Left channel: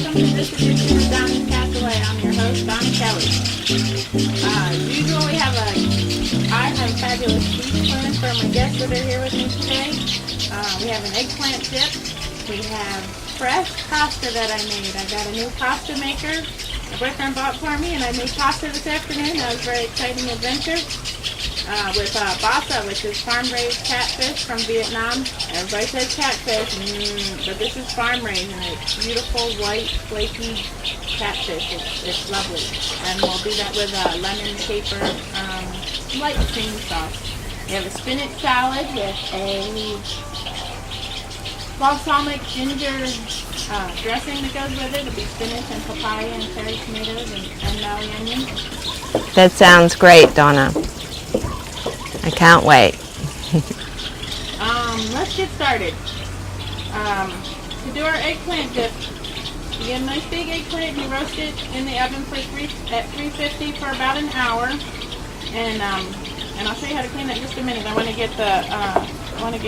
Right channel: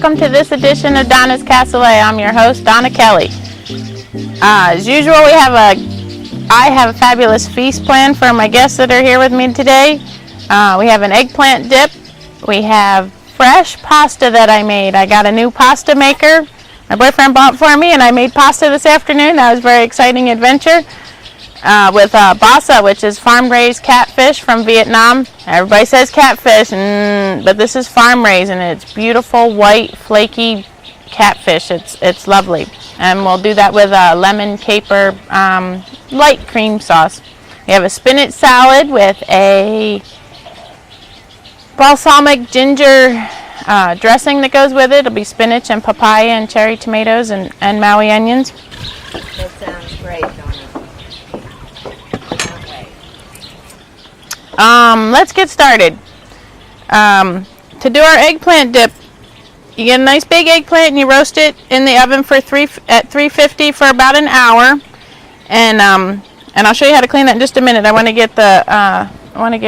welcome to this edition of Donna's Cassoulei. I'm your host, Donna Kelly. As usual, I have a fabulous feast planned for my guests that are here with me today. We have an eggplant dip. We have fresh pasta that I made. I got a new pasta maker. My boyfriend bought for me, and I made pasta this afternoon. That was a very exciting adventure. With basa, which is farm-raised catfish from Vietnam. Everybody says catfish, but this is farm-raised, and it's beautiful, white, flaky catfish. It's lovely. And we'll do that with a lemon caper light cream sauce. We have a spinach salad with a balsamic ginger dressing that goes with it. It'll be spinach and papaya and cherry tomatoes and Maui onions. That sounds great, Donna. I can't wait. Let's get started. To do our eggplant dip, you get a nice big eggplant and you roast it in the oven at 350 for about an hour. And I'll show you how to clean that in just a minute. I want to get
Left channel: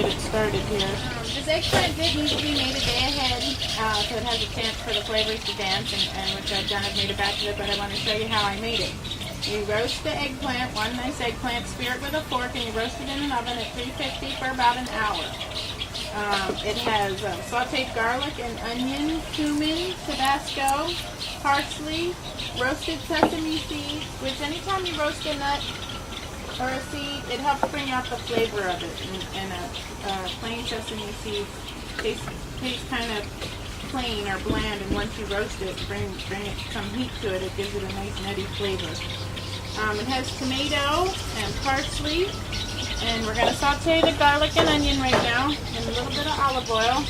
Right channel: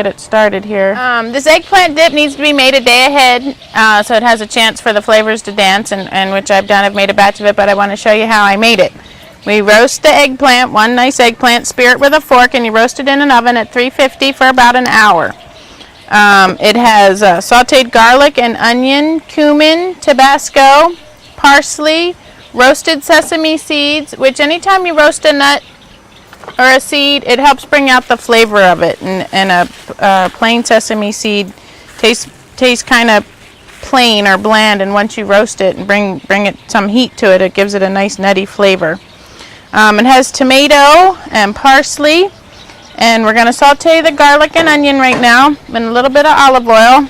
it started here. This eggplant dip needs to be made a day ahead, so it has a chance for the flavors to dance, and which I've done. I've made a batch of it, but I want to show you how I made it. We roast the eggplant, one nice eggplant, spear it with a fork, and you roast it in an oven at 350 for about an hour. It has sauteed garlic and onion, cumin, Tabasco, parsley, roasted sesame seeds, which anytime you roast a nut or a seed, it helps bring out the flavor of it. And a plain sesame seed tastes kind of plain or bland, and once you roast it and bring it some heat to it, it gives it a nice nutty flavor. It has tomato and parsley, and we're going to saute the garlic and onion right now in a little bit of olive oil.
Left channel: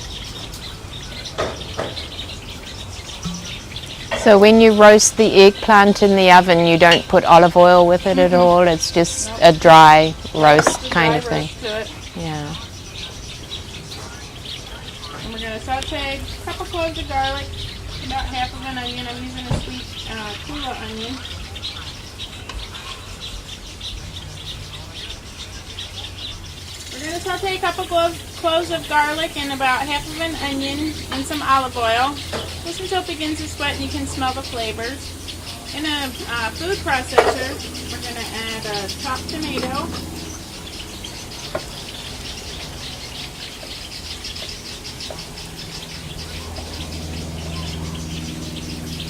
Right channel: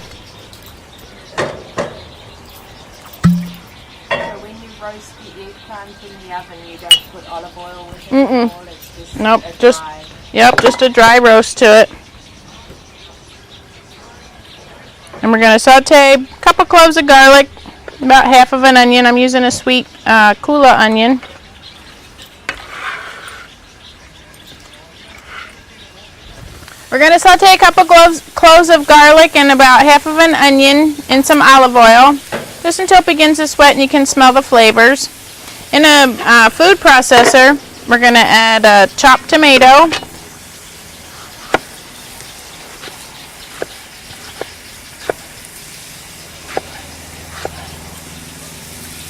So when you roast the eggplant in the oven, you don't put olive oil with it at all? It's just a dry roast? Just a dry roast to it. Yeah. And we're going to saute a couple cloves of garlic, about half of an onion. I'm using a sweet kula onion. We're going to saute a couple cloves of garlic and about half of an onion in some olive oil, just until it begins to sweat and you can smell the flavors. In a food processor, we're going to add a chopped tomato,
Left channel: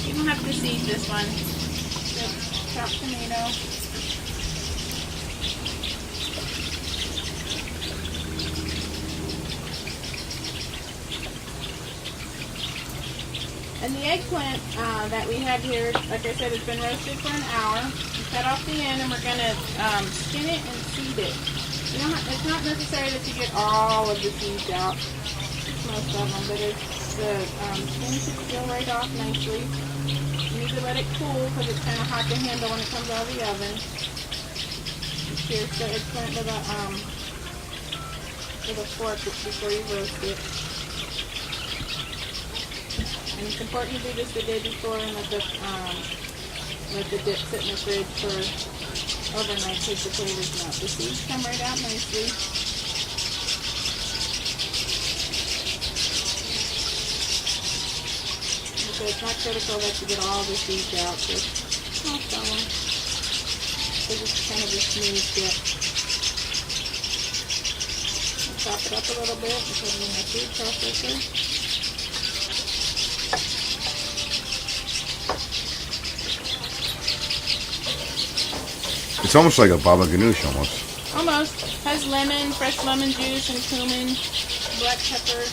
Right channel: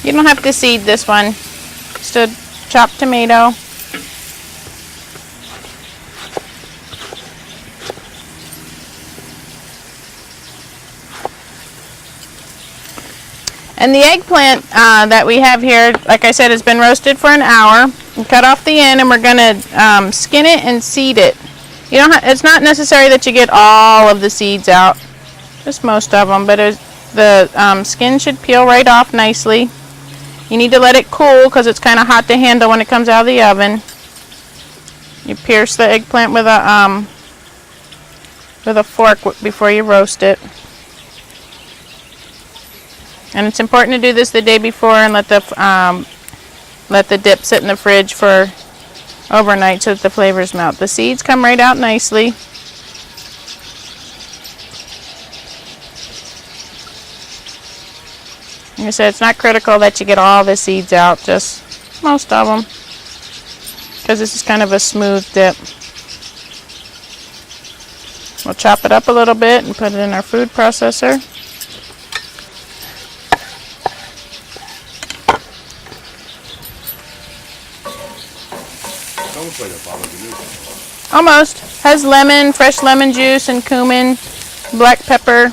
you don't have to seed this one, just a chopped tomato. And the eggplant that we have here, like I said, has been roasted for an hour. We cut off the end, and we're going to skin it and seed it. You don't it's not necessary that you get all of the seeds out, just most of them, but the skin should peel right off nicely. You need to let it cool because it's kind of hot to handle when it comes out of the oven. You pierce the eggplant with a fork before you roast it. And it's important to do this the day before and let the dip sit in the fridge for overnight so that the flavors melt. The seeds come right out nicely. Like I said, it's not critical that you get all the seeds out, just most of them, because this is kind of a smooth dip. We'll chop it up a little bit and put it in our food processor. It's almost like a baba ganoush almost. Almost. Has lemon, fresh lemon juice and cumin, black pepper.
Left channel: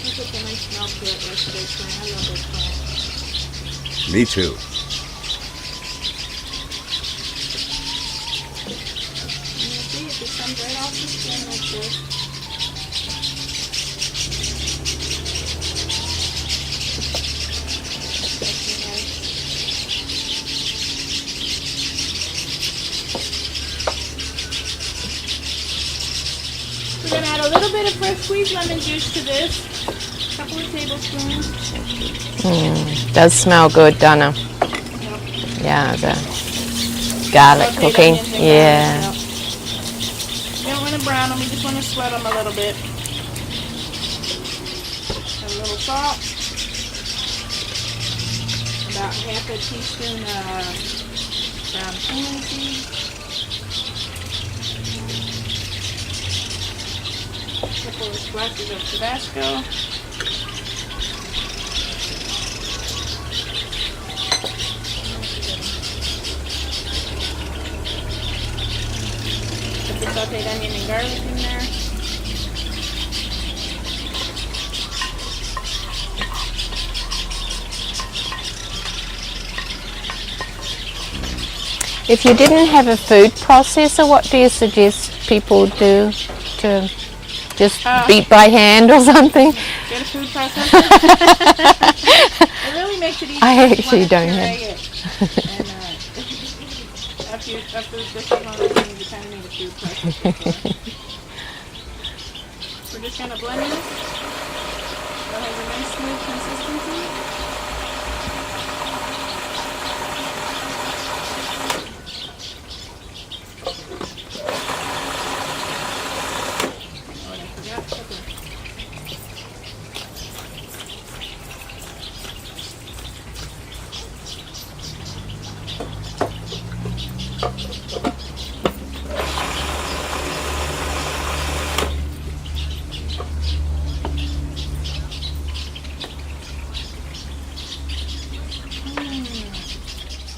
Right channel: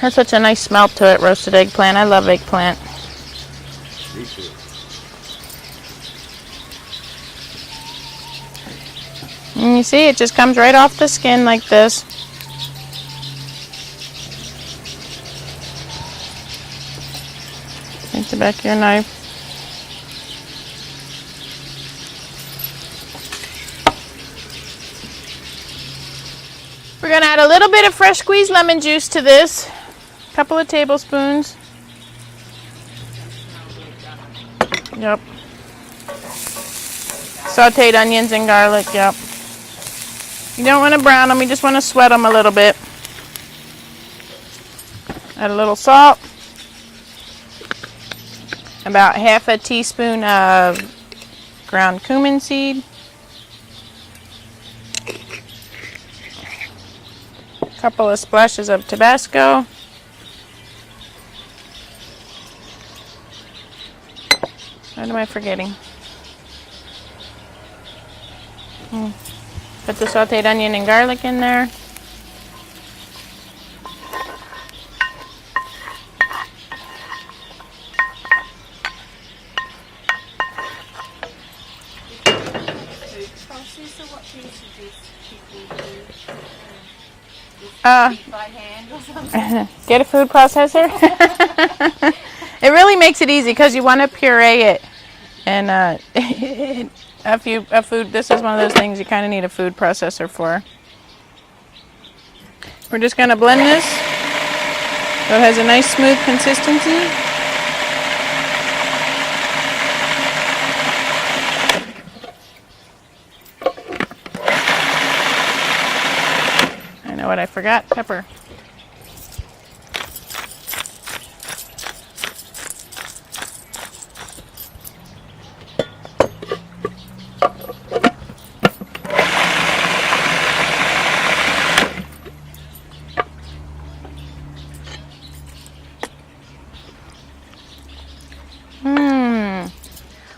Has such a nice smell to it, roasted eggplant. I love eggplant. Me too. And you see, it just comes right off the skin like this. Take the back of your knife. We're going to add a little bit of fresh squeezed lemon juice to this. A couple of tablespoons. Does smell good, Donna. Yep. Yeah, garlic Sauteed cooking. onions and garlic, yep. You don't want to brown them, you just want to sweat them a little bit. Add a little salt. About half a teaspoon of ground cumin seed. A couple of splashes of Tabasco. What am I forgetting? Put the sauteed onion and garlic in there. If you didn't have a food processor, what do you suggest people do to just beat by hand or something? Get a food processor. It really makes it easy because you want to puree it. And a food, this is one of those things you kind of need a food processor for. We're just going to blend this so it has a nice smooth consistency. I know what I forgot, pepper.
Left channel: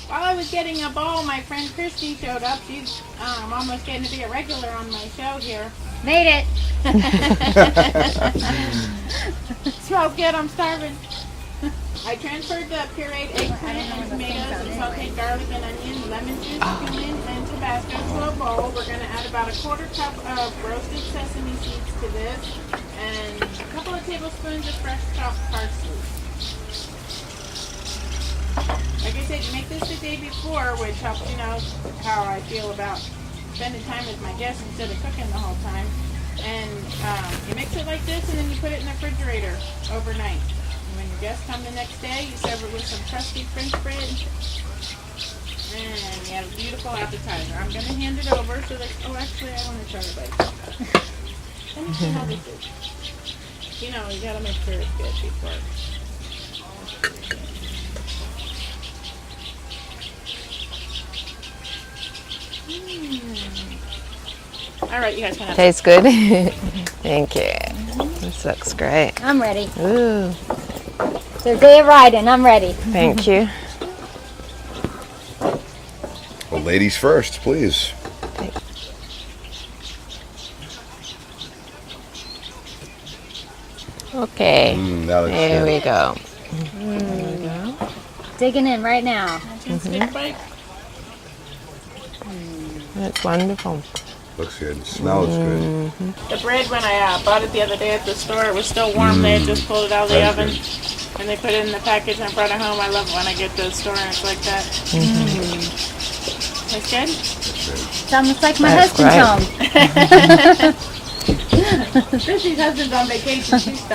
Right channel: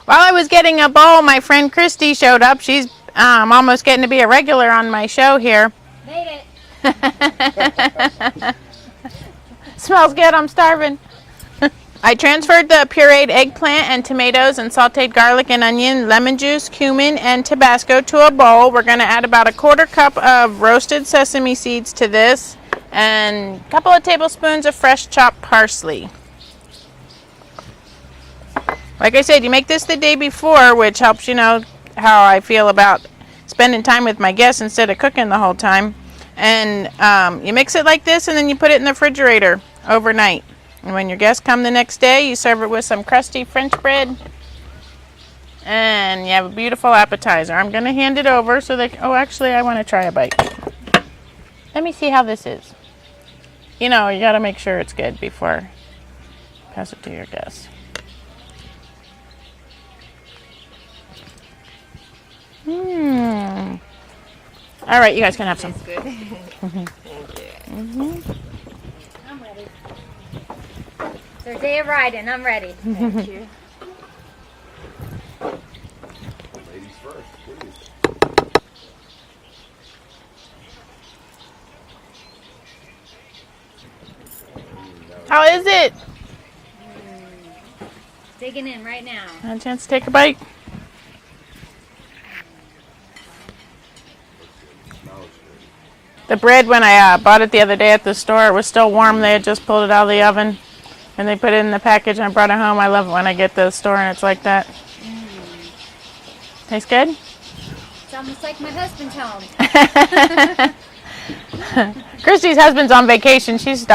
While I was getting a bowl, my friend Christy showed up. She's almost getting to be a regular on my show here. Made it. Smells good, I'm starving. I transferred the pureed eggplant and tomatoes and sauteed garlic and onion, lemon juice, cumin, and Tabasco to a bowl. We're going to add about a 1/4 cup of roasted sesame seeds to this and a couple of tablespoons of fresh chopped parsley. Like I said, you make this the day before, which helps you know how I feel about spending time with my guests instead of cooking the whole time. And you mix it like this and then you put it in the refrigerator overnight. And when your guests come the next day, you serve it with some crusty French bread. And you have a beautiful appetizer. I'm going to hand it over so they... Oh, actually, I want to try a bite. Let me see how this is. You know, you got to make sure it's good before you pass it to your guests. All right, you guys can have some. Tastes good. Thank you. This looks great. I'm ready. Ooh, It's their day of riding. I'm ready. thank you. Well, ladies first, please. Okay. Now How that is There we it? go. Digging in right now. Have a chance to take a bite. That's wonderful. looks good. Smells good. The bread, when I bought it the other day at the store, it was still warm there. Just pulled it out of the That's oven. And they put it in the package and I brought it home. I love it when I get to the store and it's like that. Tastes good? Sounds like my That's husband's great. home. Christy's husband's on vacation. She's starving.